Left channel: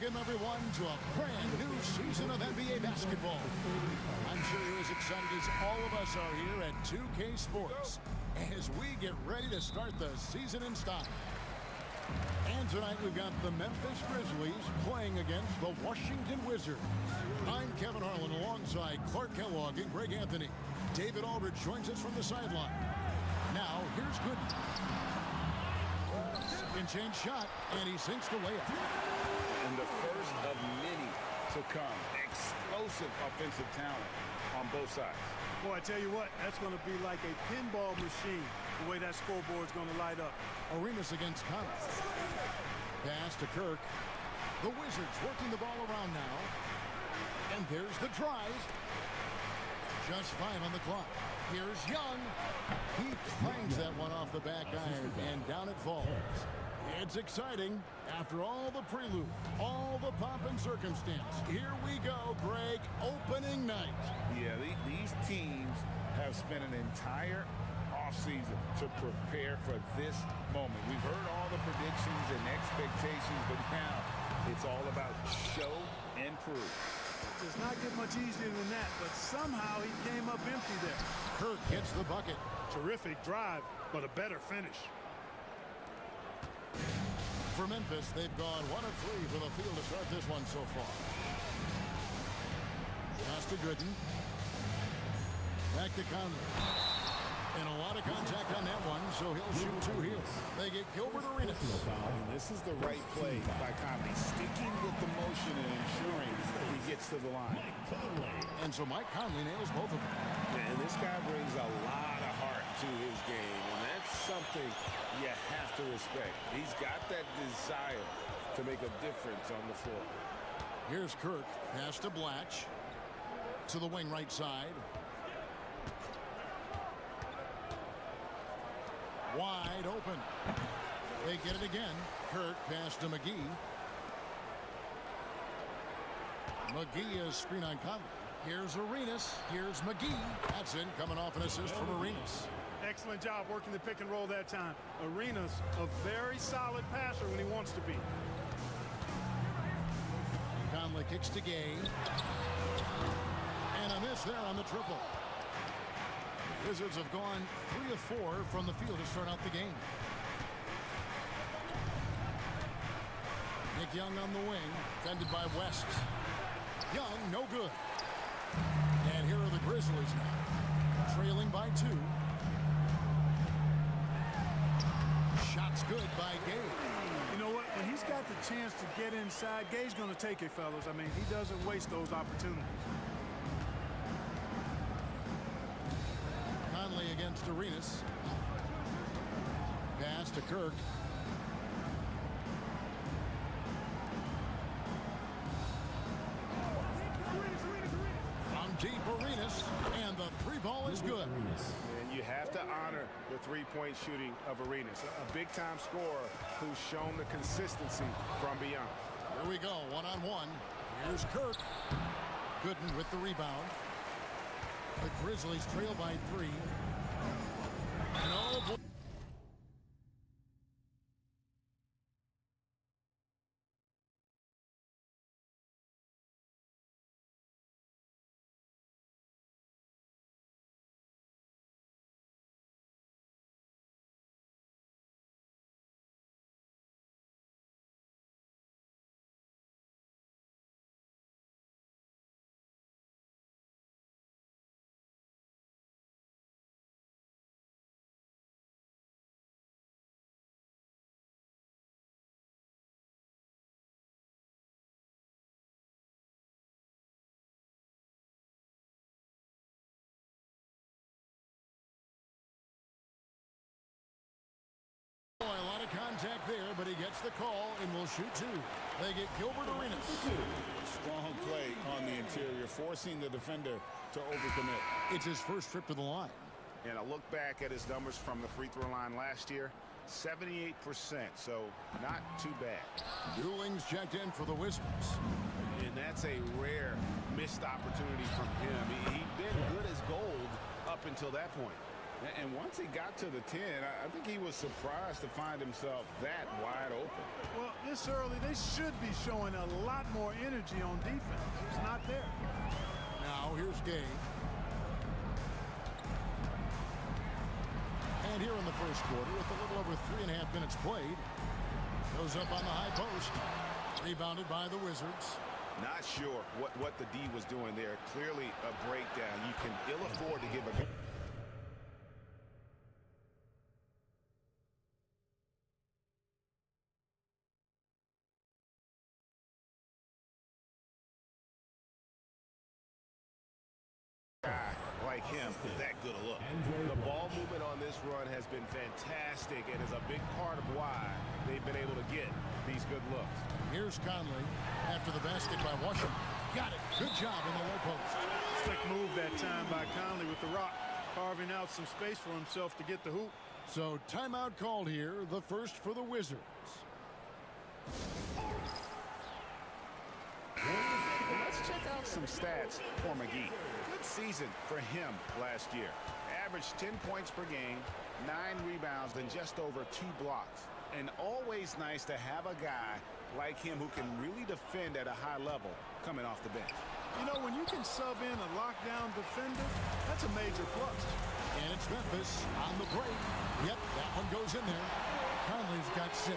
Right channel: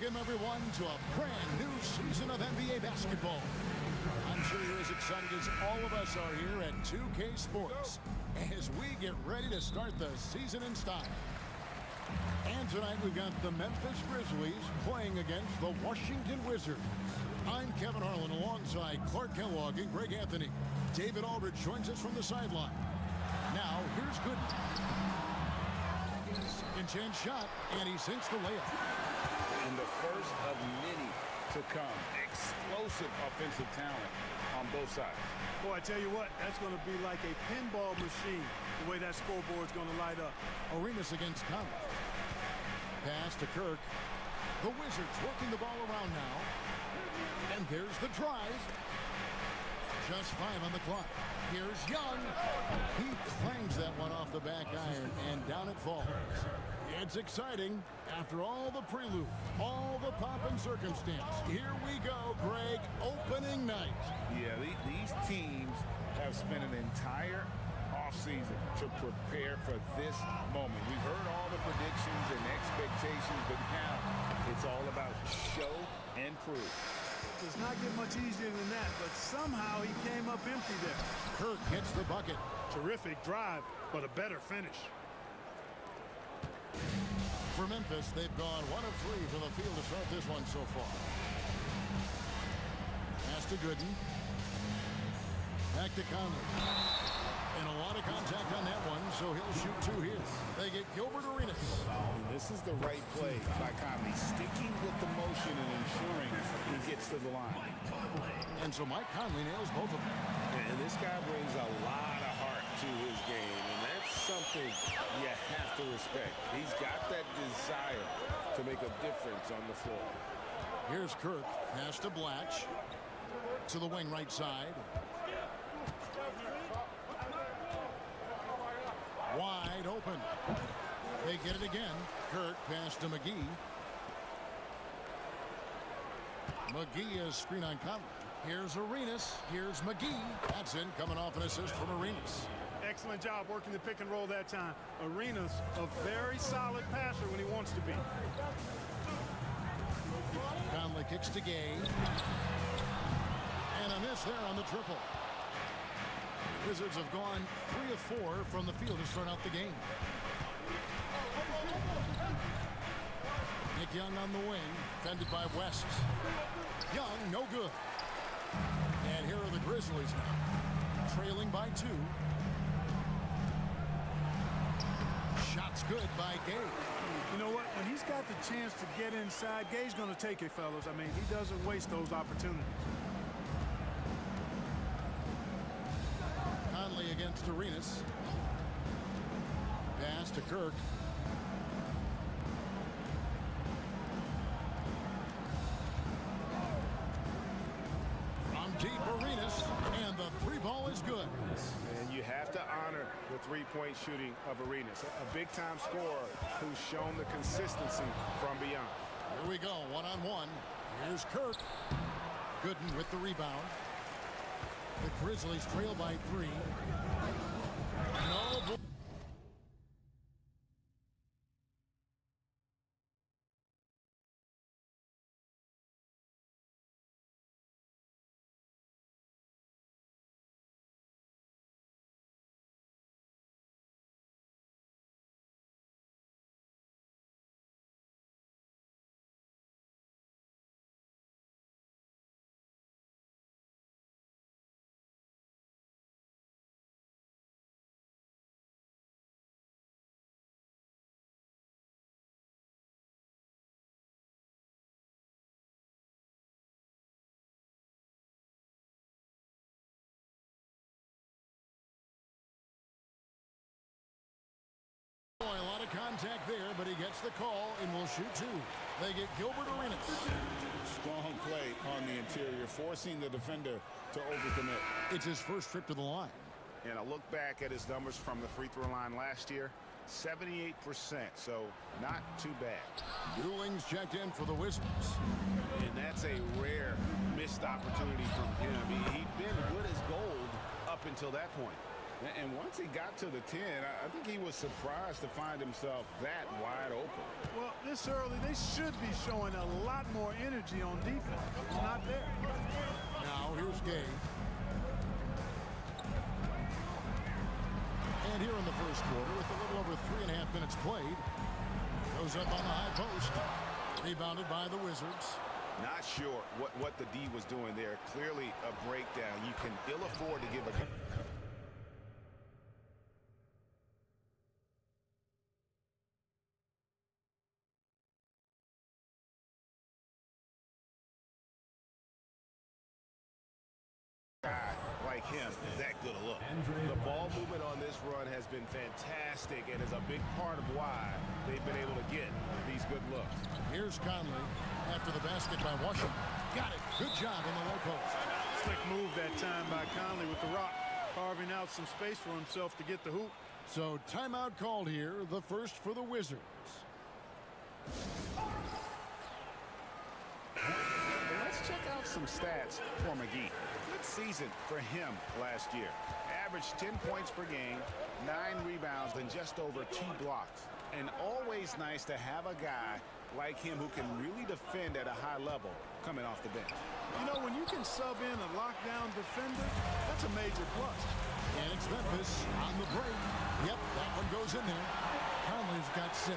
Welcome, everyone, to a brand new season of NBA basketball. I'm sure you're as excited as all of us are here at 2K Sports as we get ready to start the season in style. And tonight we've got the Memphis Grizzlies playing against the Washington Wizards. I'm Kevin Harlan alongside Clark Kellogg and Greg Anthony. David Aldridge joins us from the sideline. Now, here's Gooden. Second chance shot, and he sinks the layup. And the first of many to come. Explosive offensive talent on both sides. Boy, I tell you what, that's going to be like a pinball machine, the way that scoreboard's going to light up. Arenas against Conley. Pass to Kirk. The Wizards working the ball around now. And there's the drive. Just 5 on the clock. Here's Young. He clangs that one off the back iron, and down it falls. It's exciting. After all the prelude, all the pomp and circumstance, here we go, Greg, opening night. Yeah, these teams have spent an entire offseason to prepare for this moment. We've heard all the predictions and expectations, but now it's all about show and prove. It does not get much easier than that, but somehow he came up empty there. Kirk gets the bucket. Terrific drive, but a better finish. For Memphis, they've gone 1 of 3 from the field to start this one so far. Pass to Gooden. Back to Conley. And a lot of contact on that one, so he'll shoot 2 here. They get Gilbert Arenas. And this is the right play by Conley, sticking with the motion and ensuring he gets to the line. And so Mike Conley nails both of them. And this guy brings a lot of heart to his game, and that's something you have to respect. He's got that desire to make a difference on the floor. Here's Kirk. Pass to Blatch. To the wing right side. Wide open. They get it again. Kirk pass to McGee. McGee is screen on Conley. Here's Arenas. Here's McGee. That's in, coming off an assist from Arenas. Excellent job working the pick and roll that time. Arenas, a very solid passer when he wants to be. Conley kicks to Gay. And a miss there on the triple. The Wizards have gone 3 of 4 from the field to start out the game. Nick Young on the wing, defended by West. Young, no good. And here are the Grizzlies now, trailing by 2. Shot's good by Gay. You know what? When he's got the chance to get inside, Gay's going to take it, fellas. I mean, he doesn't waste those opportunities. Conley against Arenas. Pass to Kirk. From deep, Arenas, and the 3-ball is good. And you have to honor the three-point shooting of Arenas, a big-time scorer who's shown the consistency from beyond. Here we go, 1-on-1. Here's Kirk. Gooden with the rebound. The Grizzlies trail by 3. No. A lot of contact there, but he gets the call and will shoot 2. They get Gilbert Arenas. Strong play on the interior, forcing the defender to overcommit. It's his first trip to the line. And I look back at his numbers from the free throw line last year, 78%, so not too bad. Dewling's checked in for the Wizards. And that's a rare missed opportunity from him. He'd been good as gold up until that point. And once he got to the 10, I think he was surprised to find himself that wide open. Well, this early, they should be showing a lot more energy on defense. It's not there. Now here's Gay. And here in the first quarter, with a little over 3.5 minutes played, goes up on the high post. Rebounded by the Wizards. Not sure what the D was doing there. Clearly a breakdown. You can ill afford to give a guy like him that good a look. The ball movement on this run has been fantastic and is a big part of why they've been able to get these good looks. Here's Conley after the basket by Washington. Got it. Good job in the low post. Slick move that time by Conley with the rock, carving out some space for himself to get the hoop. So timeout called here, the first for the Wizards. Let's check out some stats for McGee. Good season for him last year. Averaged 10 points per game, 9 rebounds, and just over 2 blocks. And always nice to have a guy like him who can really defend at a high level coming off the bench. You know, when you can sub in a lockdown defender, that's a major plus. And it's Memphis on the break. Yep, that one goes in there. Conley's got 6.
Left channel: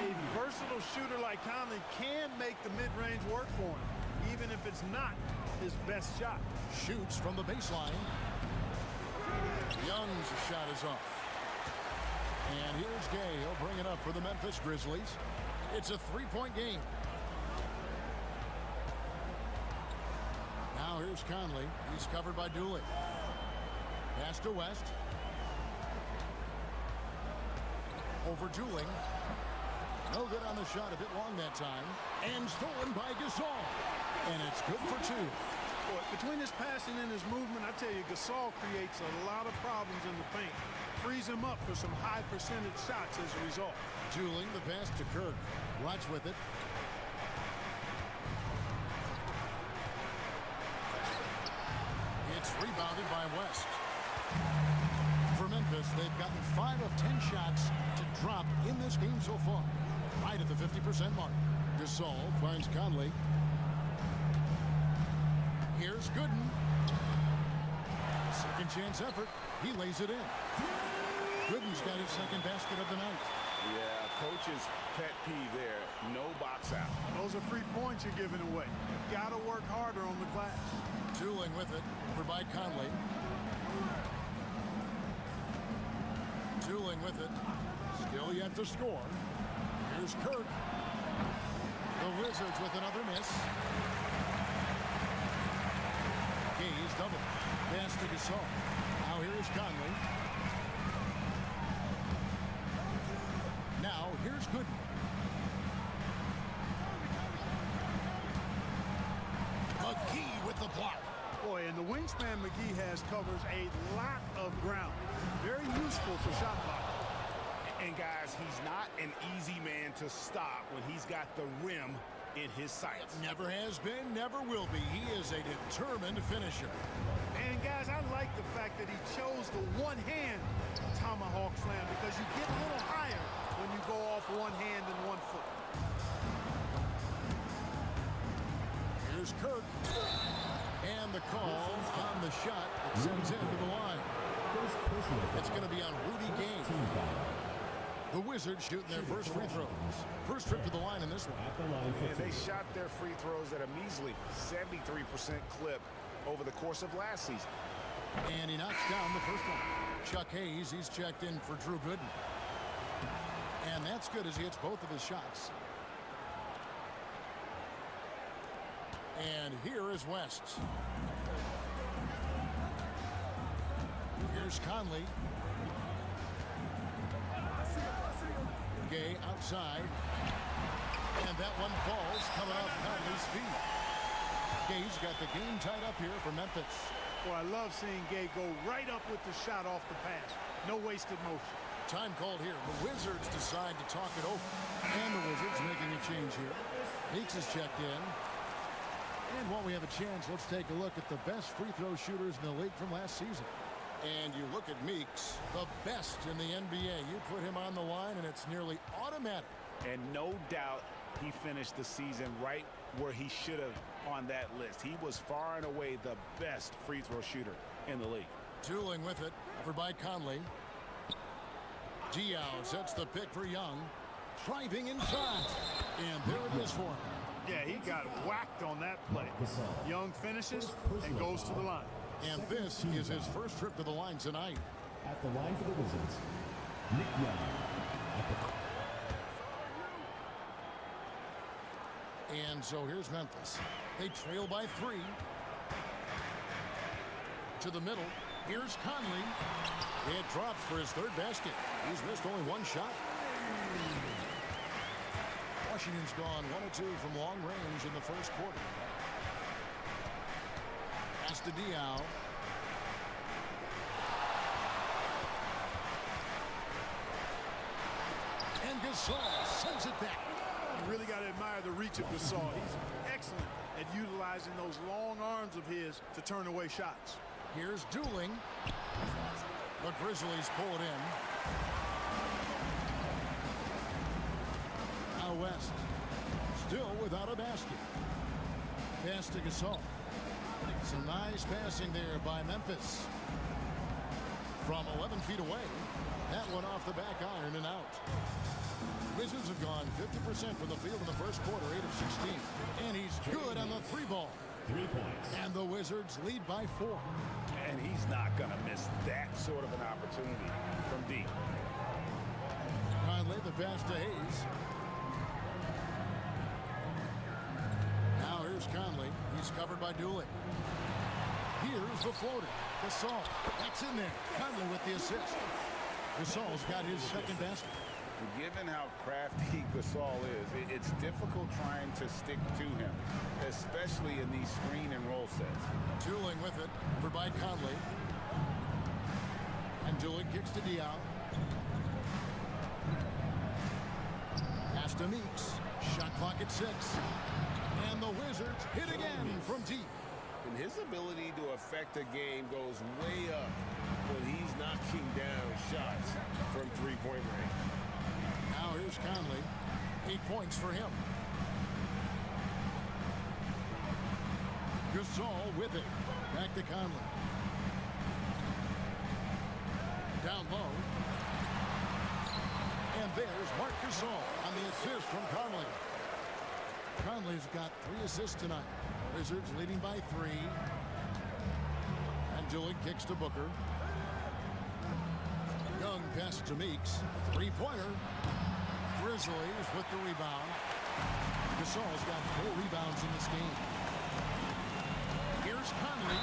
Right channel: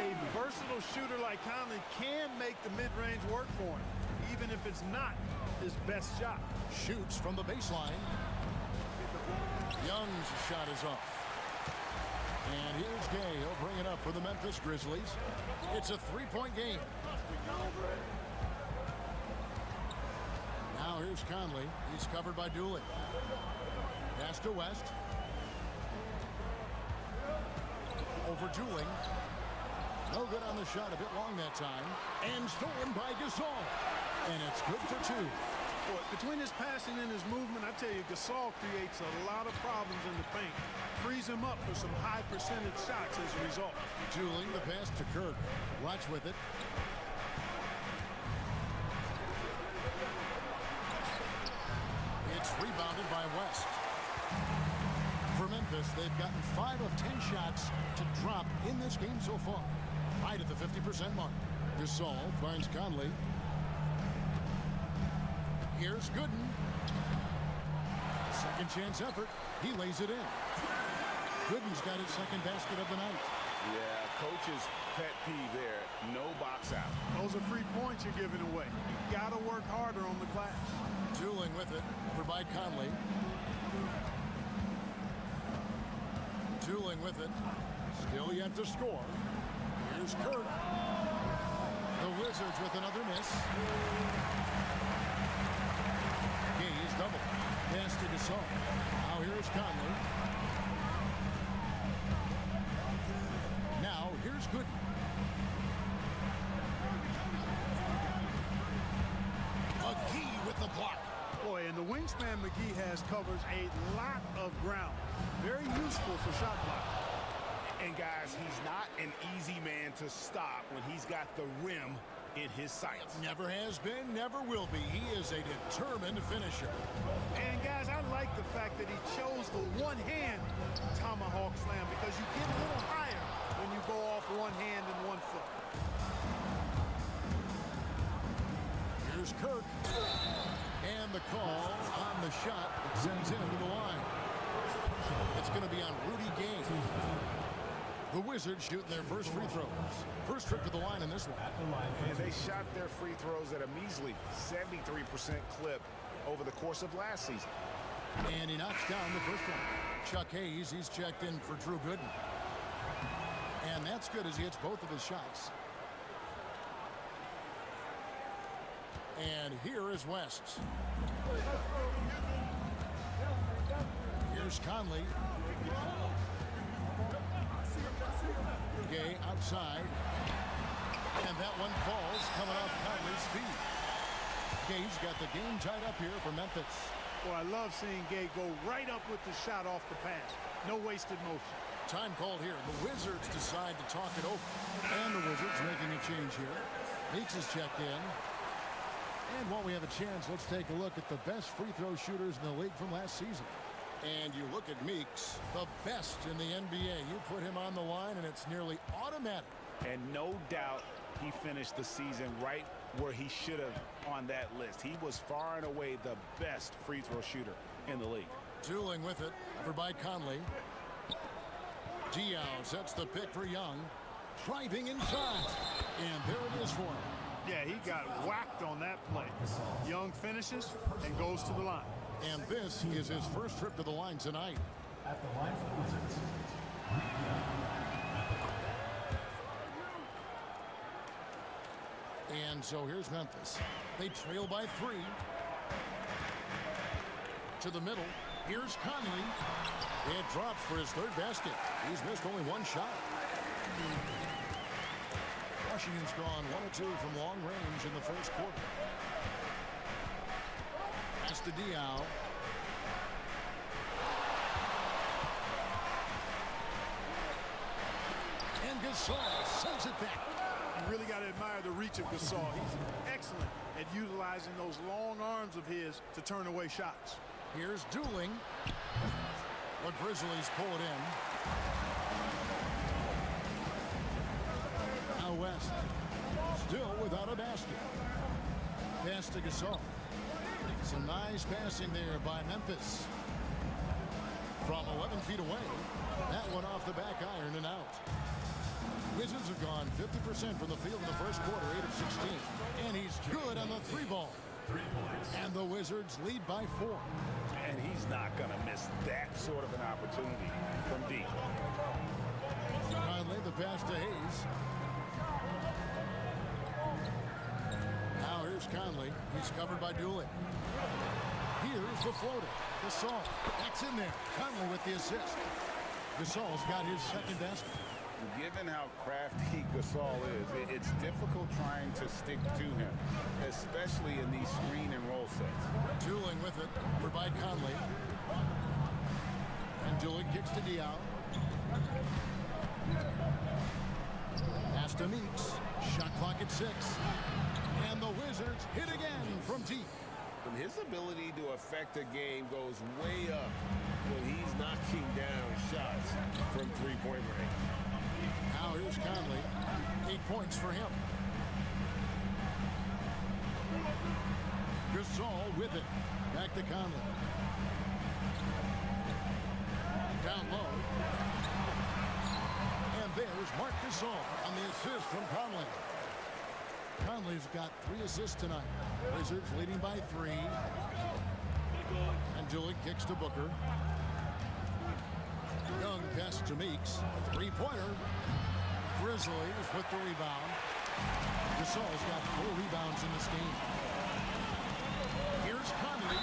A versatile shooter like Conley can make the mid-range work for him, even if it's not his best shot. Shoots from the baseline. Young's shot is off. And here's Gay. He'll bring it up for the Memphis Grizzlies. It's a 3-point game. Now here's Conley. He's covered by Dooley. Pass to West. Over Dooling. No good on the shot. A bit long that time. And stolen by Gasol. And it's good for 2. Boy, between his passing and his movement, I tell you, Gasol creates a lot of problems in the paint. Frees him up for some high percentage shots as a result. Dooling the pass to Kirk. Watch with it. It's rebounded by West. For Memphis, they've gotten 5 of 10 shots to drop in this game so far. Right at the 50% mark. Gasol finds Conley. Here's Gooden. Second chance effort. He lays it in. Gooden's got his second basket of the night. Yeah, coach's pet peeve there. No box out. Those are free points you're giving away. You got to work harder on the glass. Dooling with it. Over by Conley. Dooling with it. Still yet to score. Here's Kirk. The Wizards with another miss. Gay's double. Pass to Gasol. Now here's Conley. Now here's Gooden. McGee with the block. Boy, and the wingspan McGee has covers a lot of ground. Very useful for shot blocking. And guys, he's not an easy man to stop when he's got the rim in his sights. Never has been, never will be. He is a determined finisher. And guys, I like the fact that he chose the one-hand tomahawk slam because you get a little higher when you go off one hand and 1 foot. Here's Kirk. And the call on the shot that sends him to the line. It's going to be on Rudy Gay. The Wizards shooting their first free throws. First trip to the line in this one. And they shot their free throws at a measly 73% clip over the course of last season. And he knocks down the first one. Chuck Hayes, he's checked in for Drew Gooden. And that's good as he hits both of his shots. And here is West. Here's Conley. Gay outside. And that one falls coming off Conley's feet. Gay's got the game tied up here for Memphis. Boy, I love seeing Gay go right up with the shot off the pass. No wasted motion. Time called here. The Wizards decide to talk it over. And the Wizards making a change here. Meeks is checked in. And while we have a chance, let's take a look at the best free throw shooters in the league from last season. And you look at Meeks, the best in the NBA. You put him on the line, and it's nearly automatic. And no doubt he finished the season right where he should have on that list. He was far and away the best free throw shooter in the league. Dueling with it, covered by Conley. Diao sets the pick for Young. Driving inside. And there it is for him. Yeah, he got whacked on that play. Young finishes and goes to the line. And this is his first trip to the line tonight. At the line for the Wizards, Nick Young. And so here's Memphis. They trail by 3. To the middle. Here's Conley. It drops for his third basket. He's missed only one shot. Washington's gone 1 of 2 from long range in the first quarter. Pass to Diao. And Gasol sends it back. You really got to admire the reach of Gasol. He's excellent at utilizing those long arms of his to turn away shots. Here's dueling. The Grizzlies pull it in. Now West. Still without a basket. Pass to Gasol. Some nice passing there by Memphis. From 11 feet away. That one off the back iron and out. Wizards have gone 50% from the field in the first quarter, 8 of 16. And he's good on the 3-ball. 3 points. And the Wizards lead by 4. And he's not going to miss that sort of an opportunity from deep. Conley, the pass to Hayes. Now here's Conley. He's covered by Dooley. Here's the floater. Gasol. That's in there. Conley with the assist. Gasol's got his second basket. Given how crafty Gasol is, it's difficult trying to stick to him, especially in these screen and roll sets. Dueling with it, over by Conley. And Dooley kicks to Diao. Pass to Meeks. Shot clock at 6. And the Wizards hit again from deep. And his ability to affect a game goes way up when he's knocking down shots from three-point range. Now here's Conley. 8 points for him. Gasol with it. Back to Conley. Down low. And there's Marc Gasol on the assist from Conley. Conley's got 3 assists tonight. Wizards leading by 3. And Dooley kicks to Booker. Young pass to Meeks. 3-pointer. Grizzlies with the rebound. Gasol's got 4 rebounds in this game. Here's Conley,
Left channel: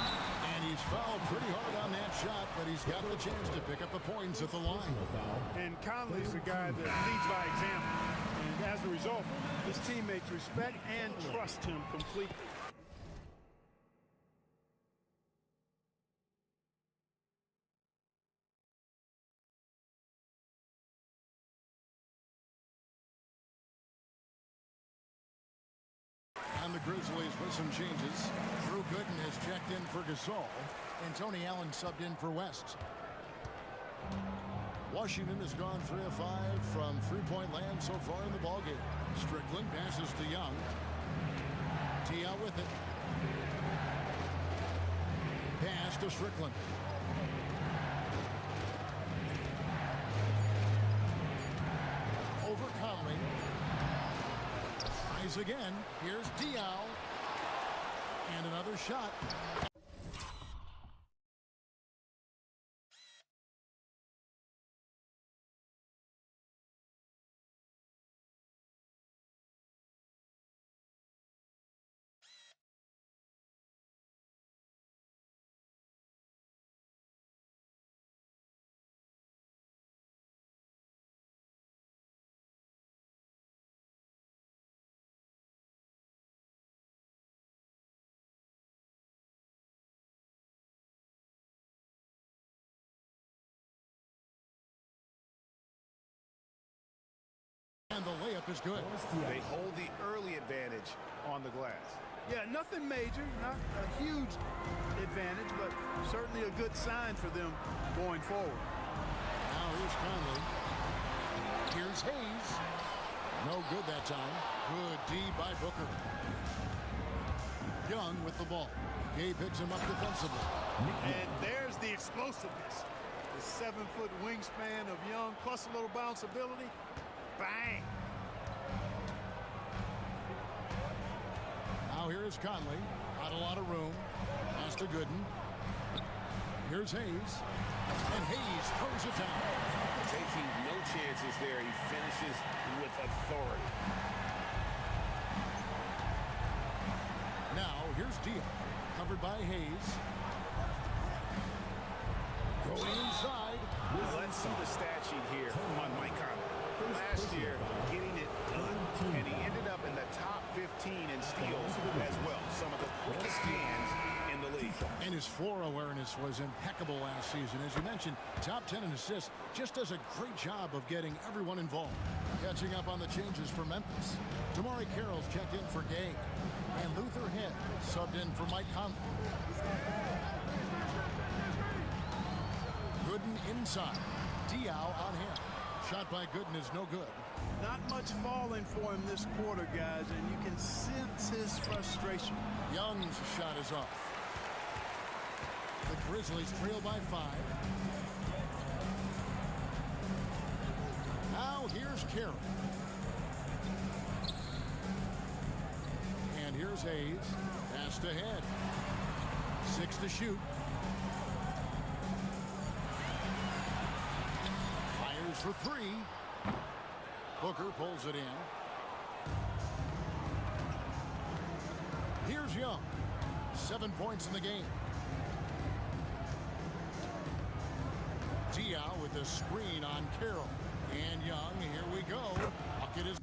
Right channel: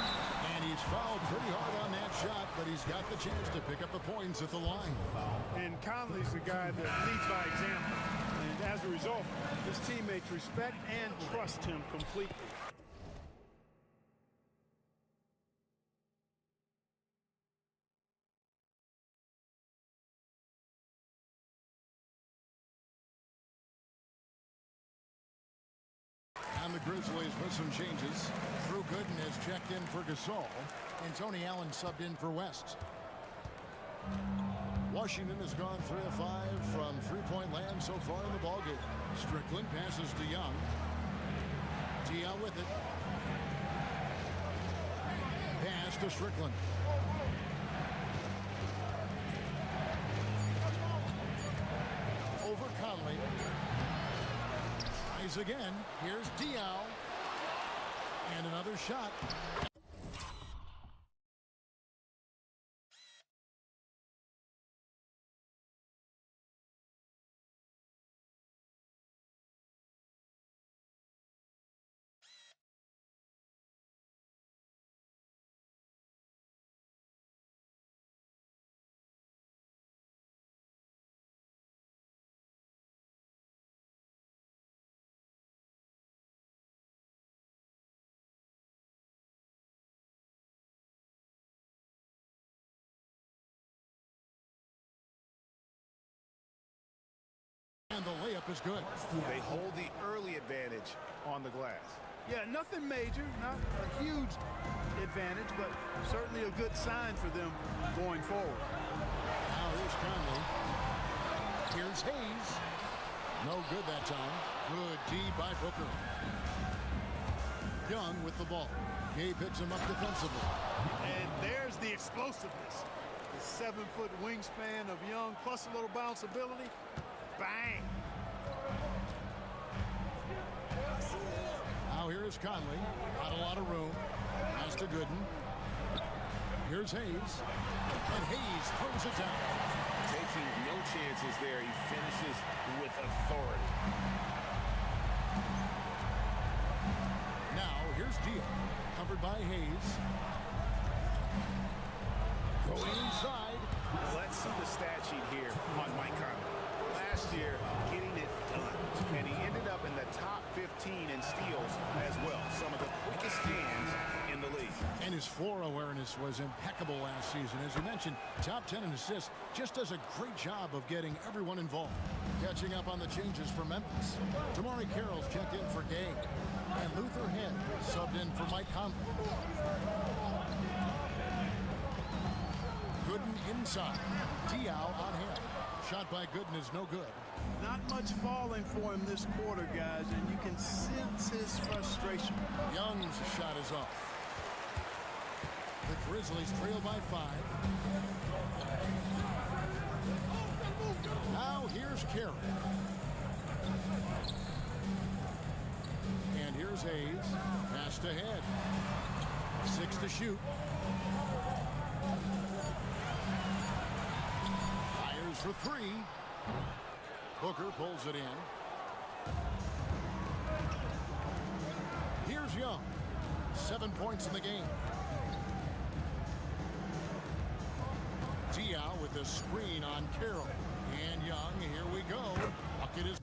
and he's fouled pretty hard on that shot, but he's got the chance to pick up the points at the line. And Conley's a guy that leads by example. And as a result, his teammates respect and trust him completely. And the Grizzlies with some changes. Drew Gooden has checked in for Gasol, and Tony Allen subbed in for West. Washington has gone 3 of 5 from three-point land so far in the ballgame. Strickland passes to Young. Diao with it. Pass to Strickland. Over Conley. Tries again. Here's Diao. And another shot. And the layup is good. They hold the early advantage on the glass. Yeah, nothing major, not a huge advantage, but certainly a good sign for them going forward. Now here's Conley. Here's Hayes. No good that time. Good D by Booker. Young with the ball. Gay picks him up defensively. And there's the explosiveness. The 7-foot wingspan of Young, plus a little bounce ability. Bang! Now here's Conley. Not a lot of room. Pass to Gooden. Here's Hayes. And Hayes throws it down. Taking no chances there. He finishes with authority. Now here's Diaz. Covered by Hayes. Going inside. Let's see the stat sheet here on Mike Conley. Last year, getting it done. And he ended up in the top 15 in steals as well. Some of the quickest hands in the league. And his floor awareness was impeccable last season. As you mentioned, top 10 in assists. Just does a great job of getting everyone involved. Catching up on the changes for Memphis. Tamari Carroll's checked in for Gay. And Luther Head subbed in for Mike Conley. Gooden inside. Diaw on him. Shot by Gooden is no good. Not much falling for him this quarter, guys, and you can sense his frustration. Young's shot is off. The Grizzlies trail by 5. Now here's Kirk. And here's Hayes. Passed ahead. 6 to shoot. Fires for 3. Booker pulls it in. Here's Young. 7 points in the game. Diaw with the screen on Carroll. And Young, here we go. Bucket is...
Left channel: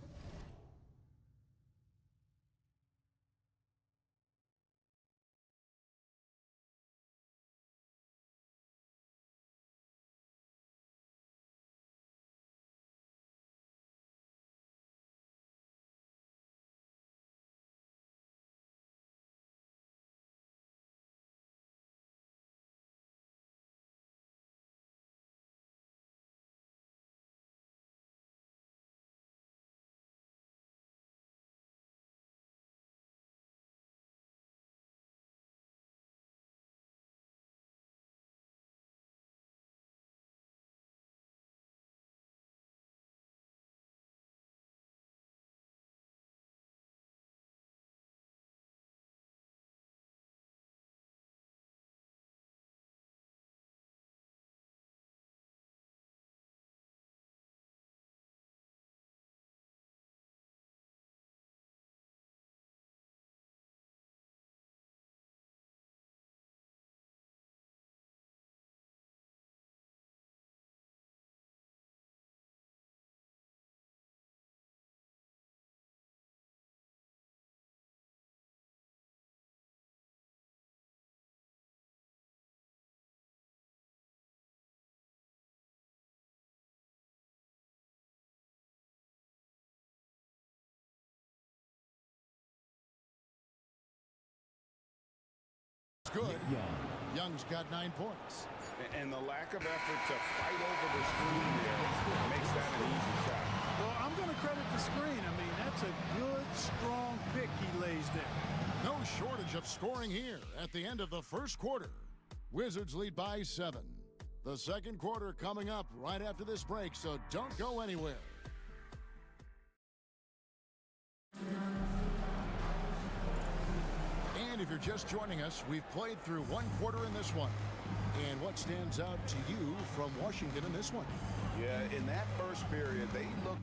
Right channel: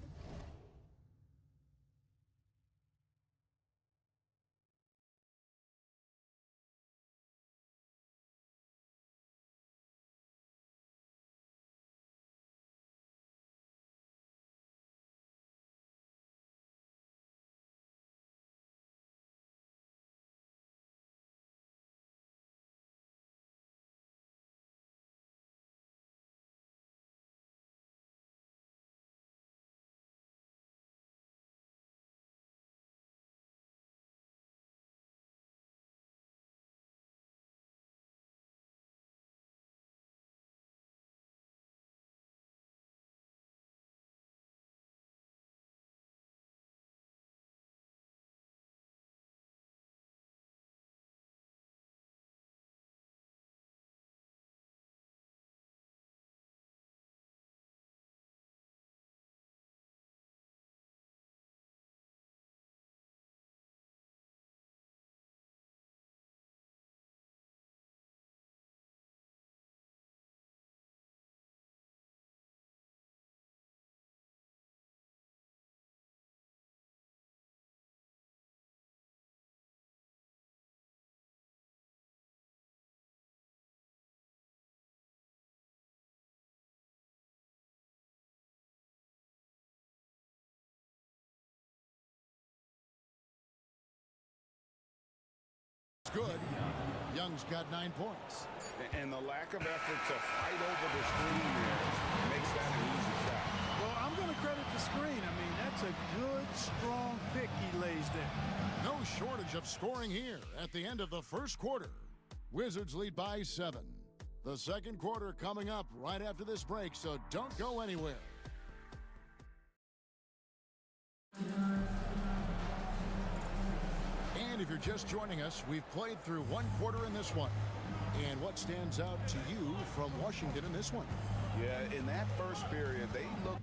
Good. Young's got 9 points. And the lack of effort to fight over the screen there makes that an easy shot. Well, I'm going to credit the screen. I mean, that's a good, strong pick he lays there. No shortage of scoring here at the end of the first quarter. Wizards lead by 7. The second quarter coming up right after this break, so don't go anywhere. And if you're just joining us, we've played through 1 quarter in this one. And what stands out to you from Washington in this one? Yeah, in that first period, they looked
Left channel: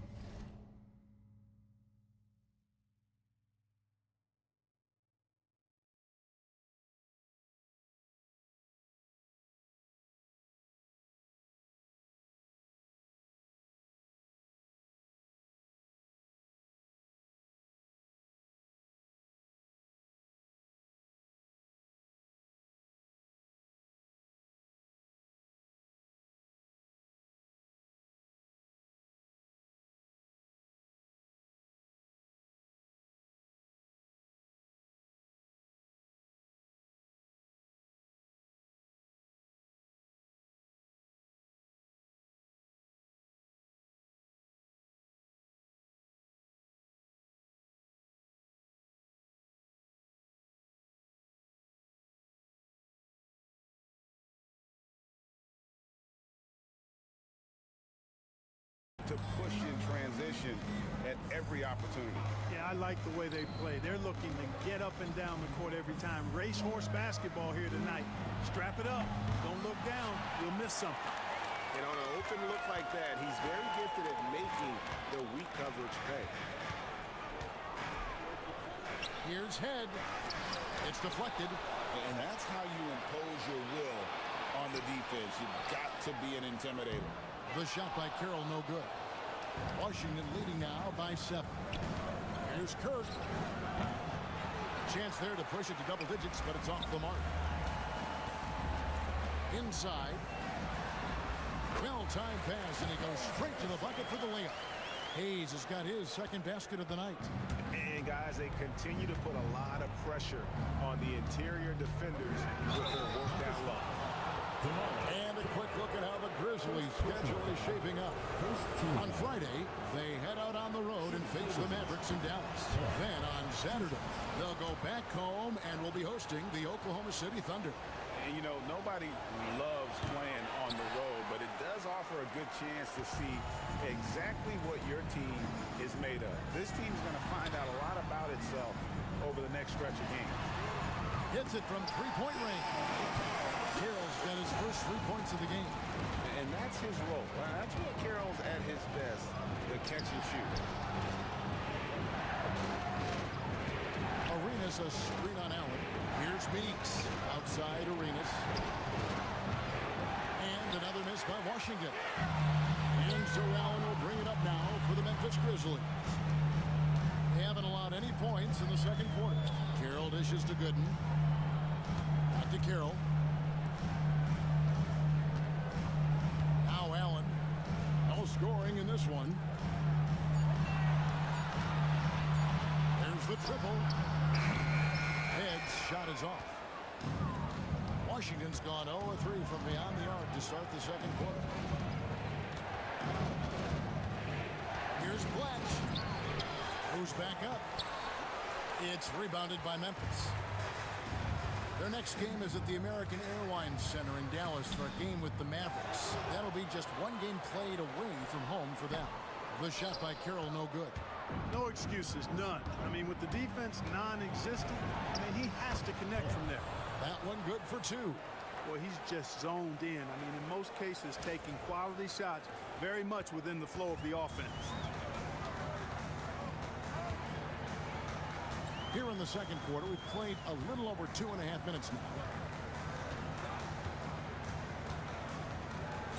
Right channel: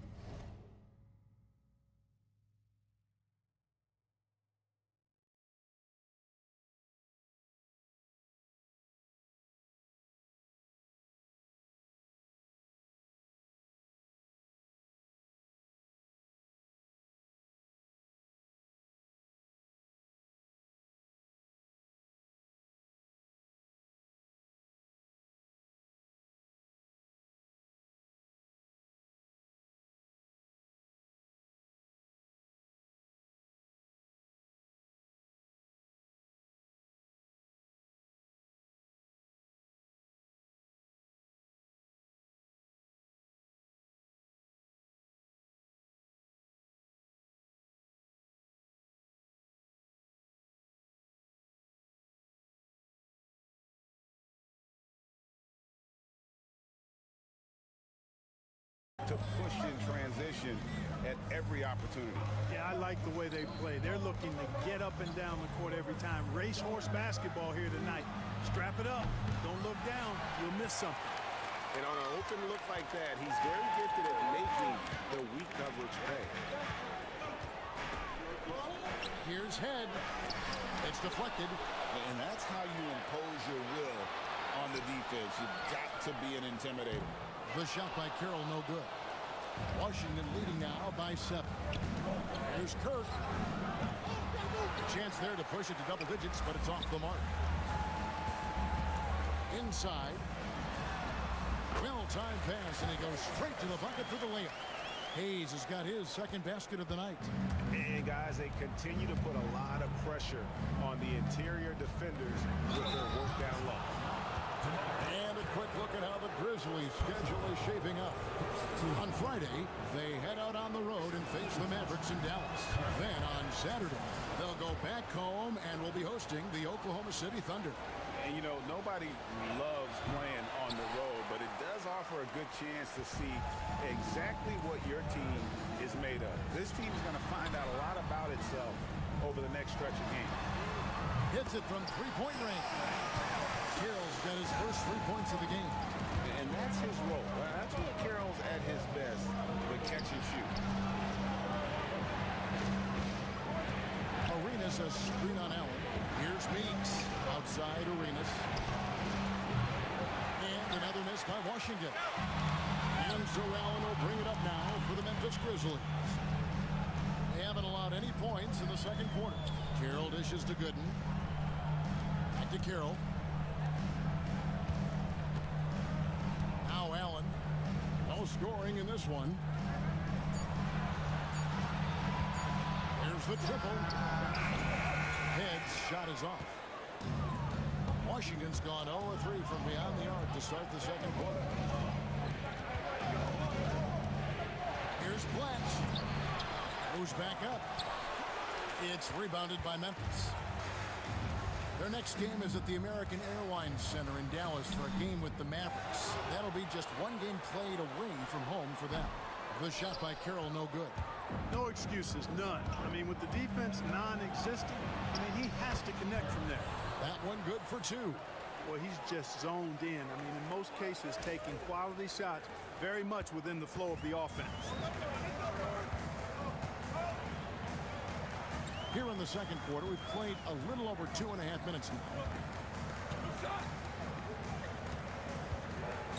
transition at every opportunity. Yeah, I like the way they play. They're looking to get up and down the court every time. Racehorse basketball here tonight. Strap it up. Don't look down. You'll miss something. And on an open look like that, he's very gifted at making the weak coverage pay. Here's Head. It's deflected. And that's how you impose your will on the defense. You've got to be an intimidator. The shot by Carroll, no good. Washington leading now by 7. Here's Kirk. Chance there to push it to double digits, but it's off the mark. Inside. Well-timed pass, and he goes straight to the bucket for the layup. Hayes has got his second basket of the night. And guys, they continue to put a lot of pressure on the interior defenders with their work down low. And a quick look at how the Grizzlies' schedule is shaping up. On Friday, they head out on the road and face the Mavericks in Dallas. Then on Saturday, they'll go back home and will be hosting the Oklahoma City Thunder. And, you know, nobody loves playing on the road, but it does offer a good chance to see exactly what your team is made of. This team is going to find out a lot about itself over the next stretch of games. Hits it from three-point range. Carroll's got his first 3 points of the game. And that's his role. That's where Carroll's at his best, the catch and shoot. Arenas a screen on Allen. Here's Meeks outside Arenas. And another miss by Washington. And so Allen will bring it up now for the Memphis Grizzlies. They haven't allowed any points in the second quarter. Carroll dishes to Gooden. Back to Carroll. Now Allen. No scoring in this one. There's the triple. Head's shot is off. Washington's gone 0-3 from beyond the arc to start the second quarter. Here's Bletch. Goes back up. It's rebounded by Memphis. Their next game is at the American Airlines Center in Dallas for a game with the Mavericks. That'll be just one game played away from home for them. The shot by Carroll, no good. No excuses, none. I mean, with the defense non-existent, I mean, he has to connect from there. That one good for 2. Well, he's just zoned in. I mean, in most cases, taking quality shots very much within the flow of the offense. Here in the second quarter, we've played a little over 2.5 minutes now.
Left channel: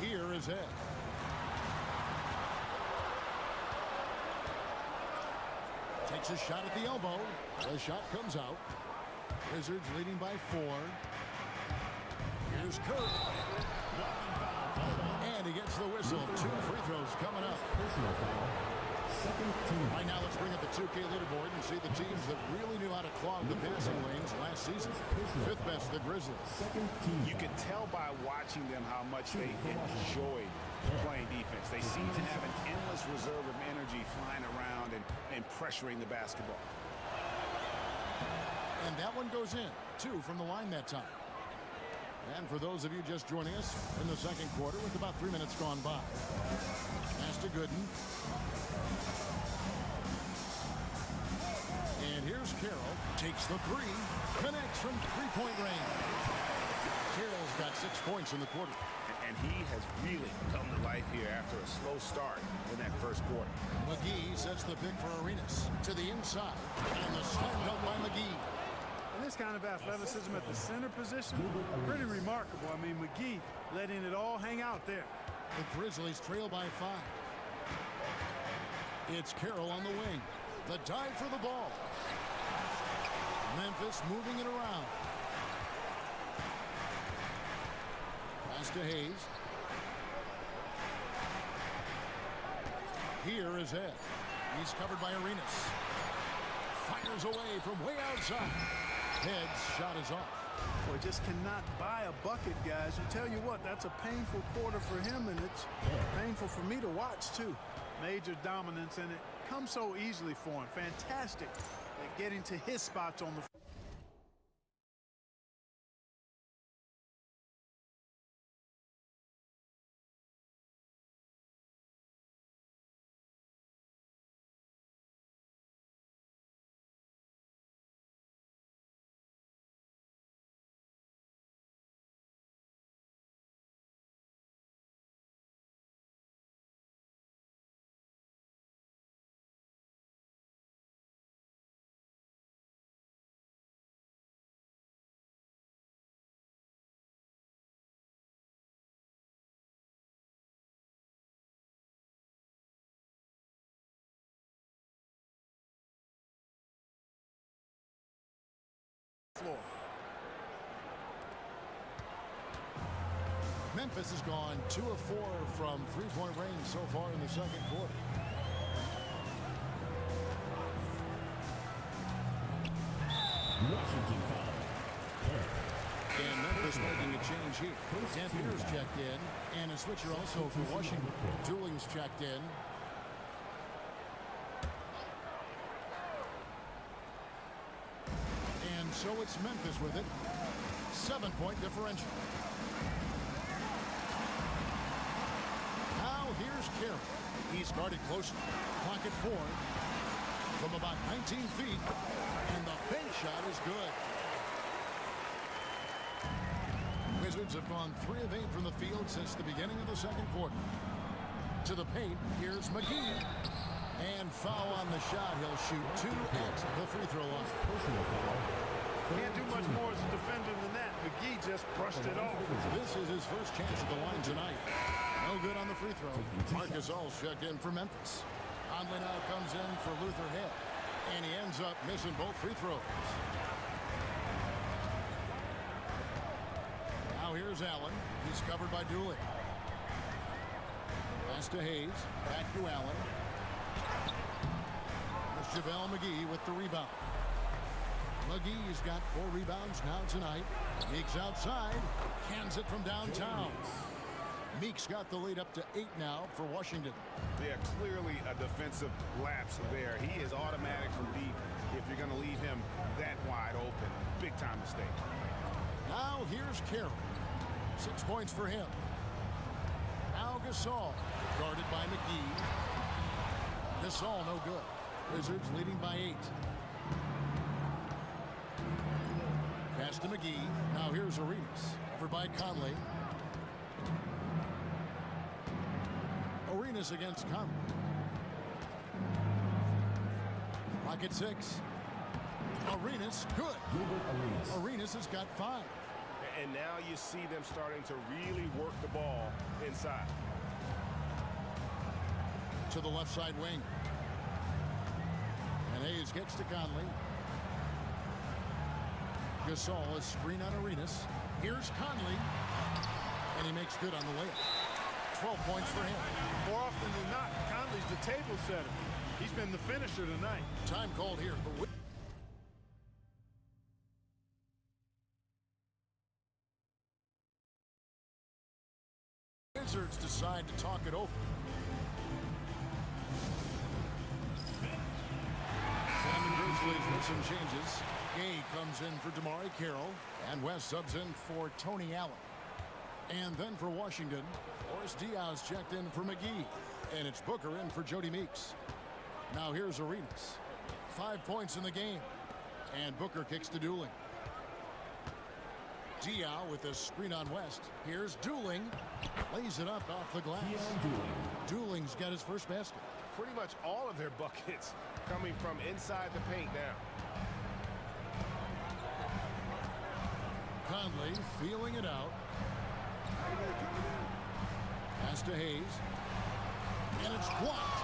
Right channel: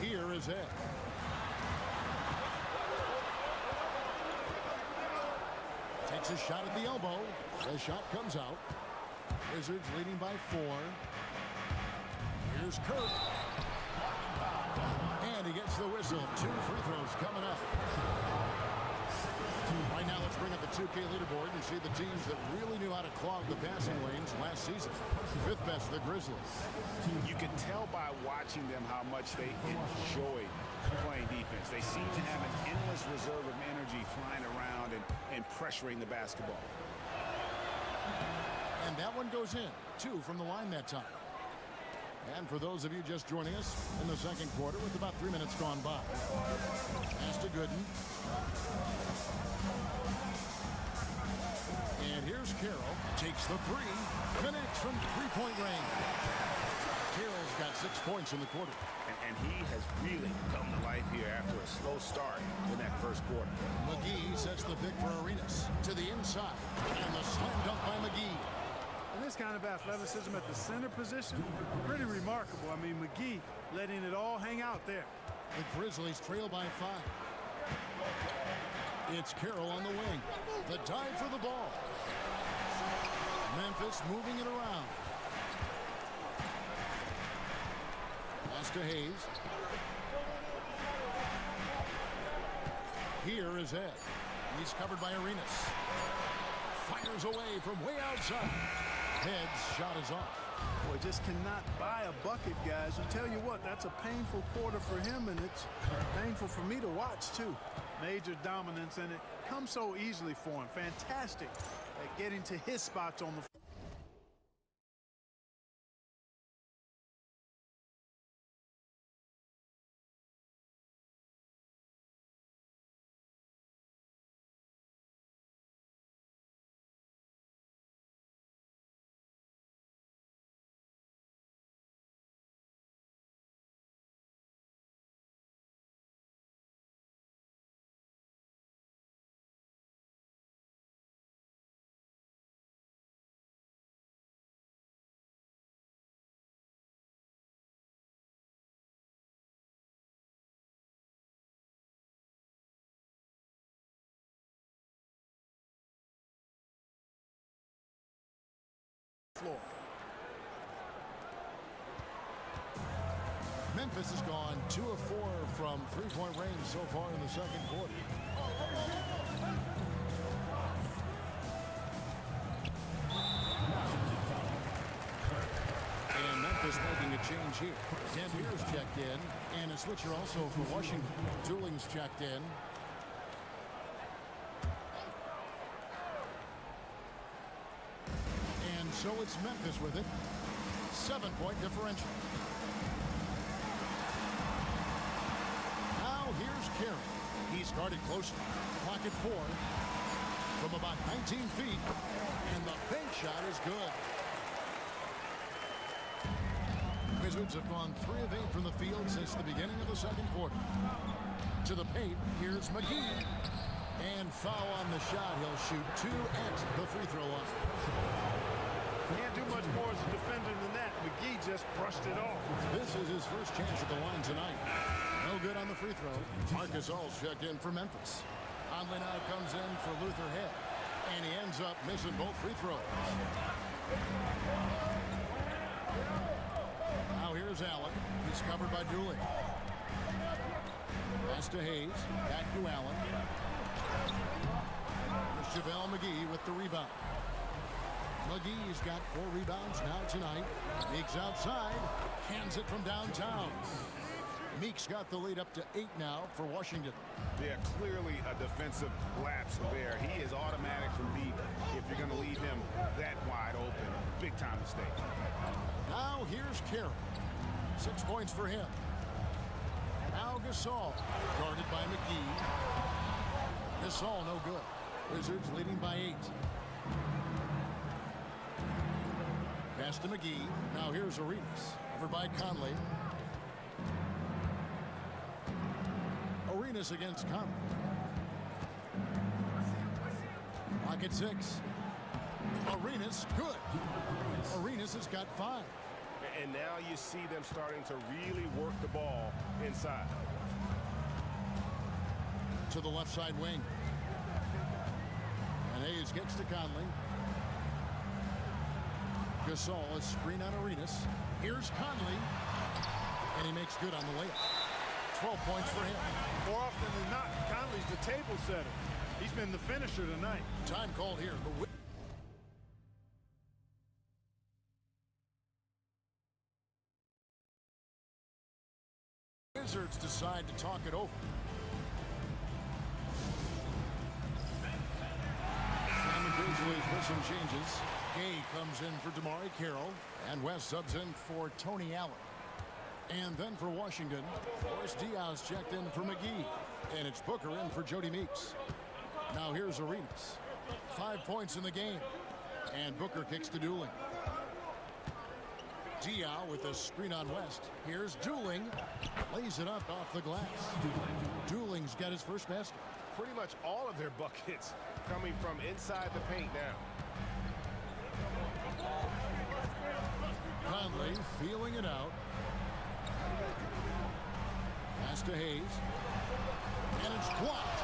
Here is Ed. Takes a shot at the elbow. The shot comes out. Wizards leading by 4. Here's Kirk. And he gets the whistle. 2 free throws coming up. Right now, let's bring up the 2K leaderboard and see the teams that really knew how to clog the passing lanes last season. 5th best, the Grizzlies. You can tell by watching them how much they enjoyed playing defense. They seem to have an endless reserve of energy flying around and pressuring the basketball. And that one goes in. 2 from the line that time. And for those of you just joining us in the second quarter with about 3 minutes gone by. Pass to Gooden. And here's Carroll. Takes the 3. Connects from three-point range. Carroll's got 6 points in the quarter. And he has really come to life here after a slow start in that first quarter. McGee sets the pick for Arenas. To the inside. And the slam dunk by McGee. And this kind of athleticism at the center position, pretty remarkable. I mean, McGee letting it all hang out there. The Grizzlies trail by 5. It's Carroll on the wing. The dive for the ball. Memphis moving it around. Pass to Hayes. Here is Ed. He's covered by Arenas. Fires away from way outside. Head's shot is off. Boy, just cannot buy a bucket, guys. You tell you what, that's a painful quarter for him, and it's painful for me to watch, too. Major dominance, and it comes so easily for him. Fantastic at getting to his spots on the floor. floor. Memphis has gone 2 of 4 from three-point range so far in the second quarter. Washington foul. Kirk. And Memphis making a change here. Dampier's checked in, and a switcher also for Washington. Dooling's checked in. And so it's Memphis with it. 7-point differential. Now here's Kirk. He's guarded closely. Clock at 4. From about 19 feet. And the bank shot is good. Wizards have gone 3 of 8 from the field since the beginning of the second quarter. To the paint, here's McGee. And foul on the shot. He'll shoot 2 at the free throw line. Can't do much more as a defender than that. McGee just brushed it off. This is his first chance at the line tonight. No good on the free throw. Marcus All's checked in for Memphis. Conley now comes in for Luther Head. And he ends up missing both free throws. Now here's Allen. He's covered by Dooley. Pass to Hayes. Back to Allen. There's JaVale McGee with the rebound. McGee's got 4 rebounds now tonight. Meek's outside. Cans it from downtown. Meek's got the lead up to 8 now for Washington. Yeah, clearly a defensive lapse there. He is automatic from deep if you're going to leave him that wide open. Big time mistake. Now here's Kirk. 6 points for him. Now Gasol, guarded by McGee. Gasol no good. Wizards leading by 8. Pass to McGee. Now here's Arenas. Covered by Conley. Arenas against Conley. Clock at 6. Arenas, good. Arenas has got 5. And now you see them starting to really work the ball inside. To the left side wing. And Hayes kicks to Conley. Gasol, a screen on Arenas. Here's Conley. And he makes good on the layup. 12 points for him. More often than not, Conley's the table setter. He's been the finisher tonight. Time called here. The Wizards decide to talk it over. And the Grizzlies with some changes. Gay comes in for DeMar Carroll, and West subs in for Tony Allen. And then for Washington, Boris Diaz checked in for McGee, and it's Booker in for Jody Meeks. Now here's Arenas. 5 points in the game, and Booker kicks to Dooling. Diaw with a screen on West. Here's Dooling. Lays it up off the glass. Dooling's got his first basket. Pretty much all of their buckets coming from inside the paint now. Conley feeling it out. Pass to Hayes. And it's blocked.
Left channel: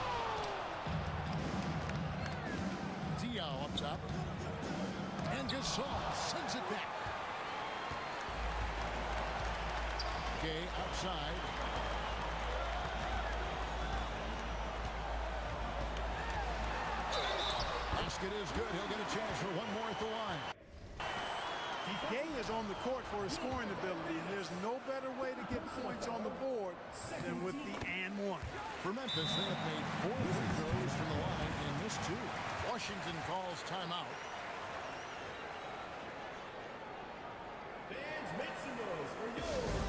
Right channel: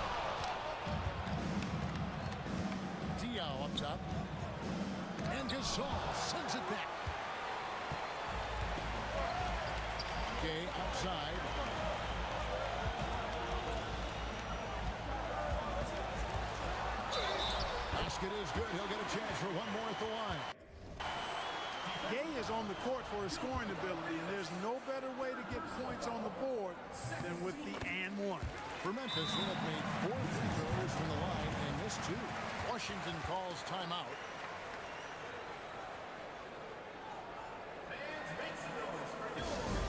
Diaw up top. And Gasol sends it back. Gay outside. Basket is good. He'll get a chance for one more at the line. Gay is on the court for his scoring ability, and there's no better way to get points on the board than with the and one. For Memphis, they have made 4 free throws from the line and missed 2. Washington calls timeout. Fans, make some noise for your dancer.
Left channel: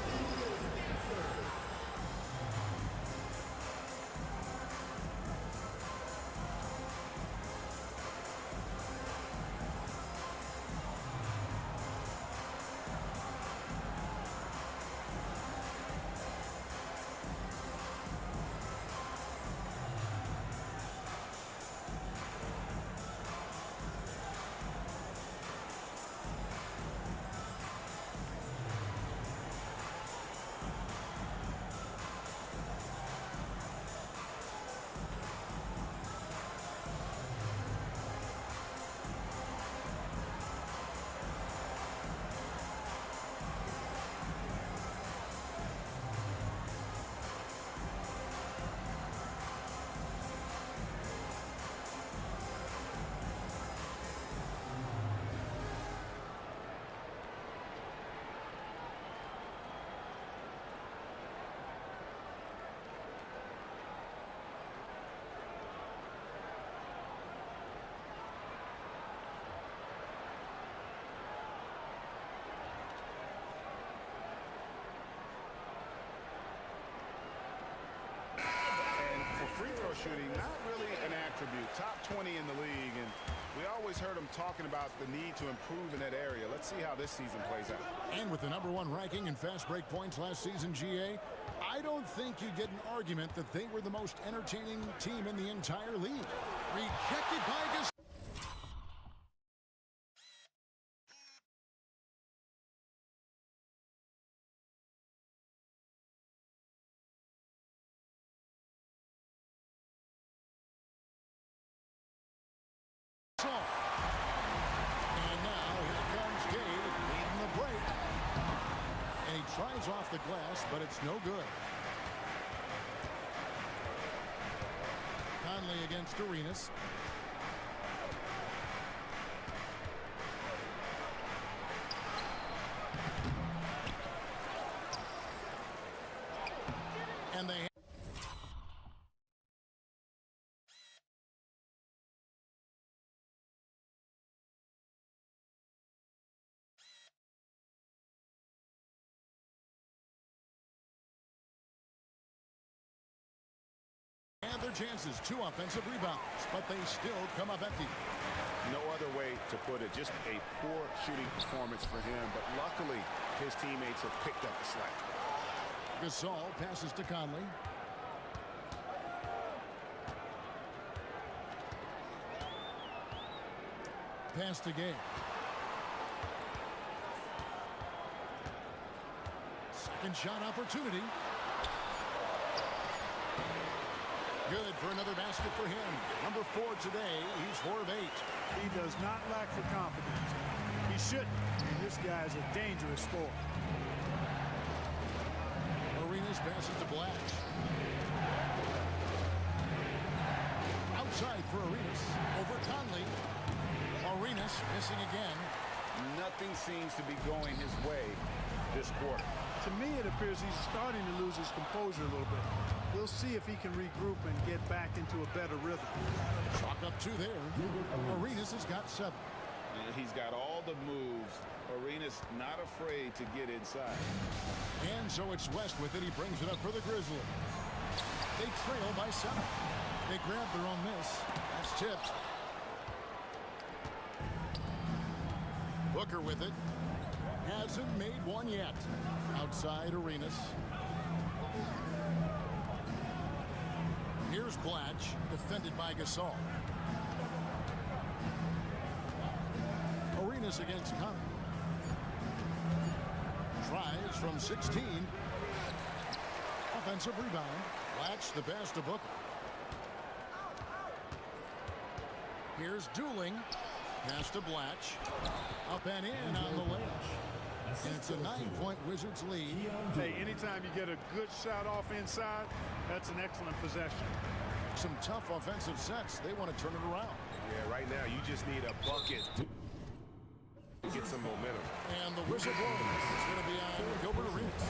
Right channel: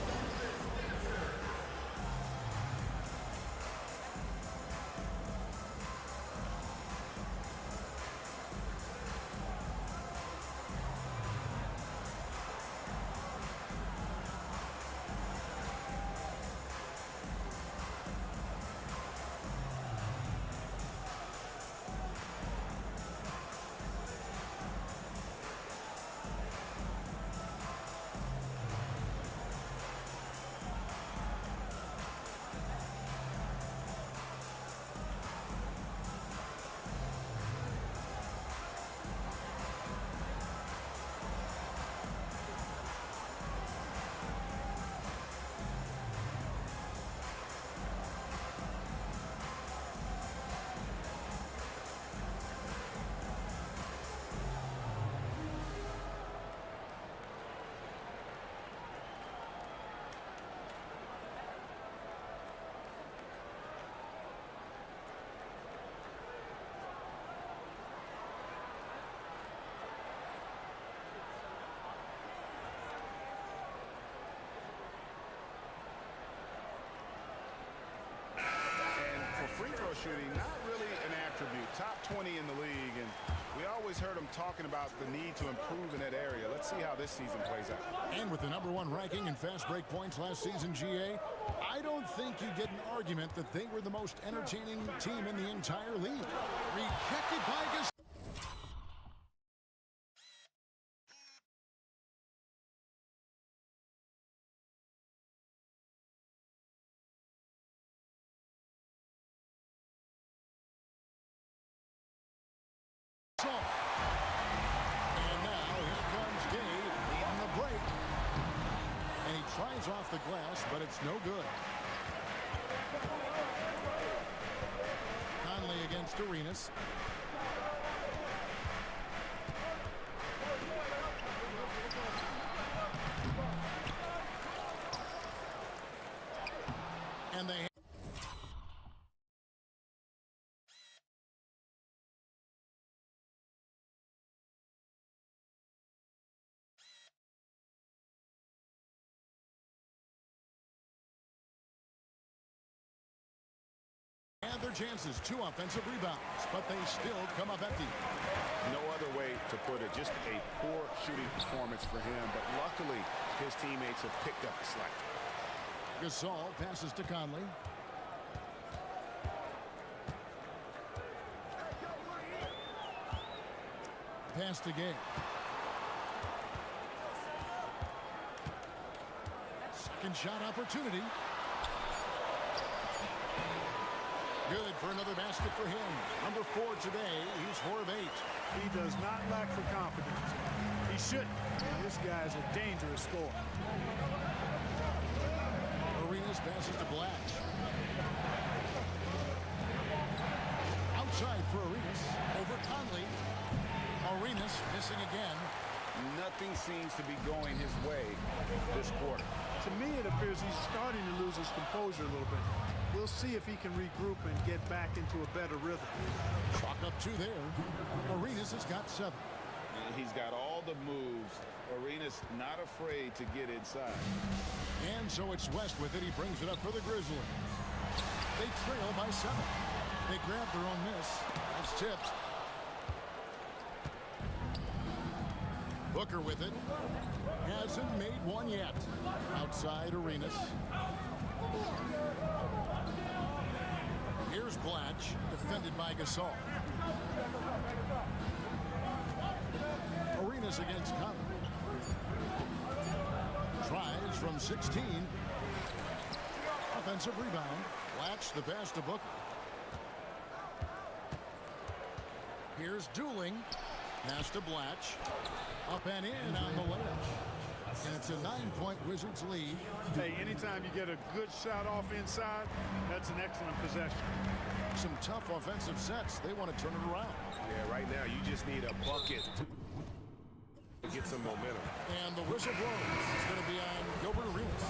free throw shooting, not really an attribute. Top 20 in the league, and we always heard him talking about the need to improve in that area. Let's see how this season plays out. And with the #1 ranking in fast break points last season, GA, I don't think you get an argument that they were the most entertaining team in the entire league. Rejected by Gasol. And now here comes Gabe leading the break. And he tries off the glass, but it's no good. Conley against Arenas. And they and their chances, 2 offensive rebounds, but they still come up empty. No other way to put it. Just a poor shooting performance for him, but luckily his teammates have picked up the slack. Gasol passes to Conley. Pass to Gay. Second shot opportunity. Good for another basket for him. #4 today. He's 4 of 8. He does not lack for confidence. He shouldn't. I mean, this guy is a dangerous scorer. Arenas passes to Blatch. Outside for Arenas. Over Conley. Arenas missing again. Nothing seems to be going his way this quarter. To me, it appears he's starting to lose his composure a little bit. We'll see if he can regroup and get back into a better rhythm. Chalk up 2 there. Arenas has got 7. And he's got all the moves. Arenas not afraid to get inside. And so it's West with it. He brings it up for the Grizzlies. They trail by 7. They grab their own miss. That's tipped. Booker with it. Hasn't made one yet. Outside Arenas. Here's Blatch, defended by Gasol. Arenas against Conley. Tries from 16. Offensive rebound. Blatch the pass to Booker. Here's Dooling. Pass to Blatch. Up and in on the layup. And it's a 9-point Wizards lead. Hey, anytime you get a good shot off inside, that's an excellent possession. Some tough offensive sets. They want to turn it around. Yeah, right now you just need a bucket to get some momentum. And the whistle blows. It's going to be on Gilbert Arenas.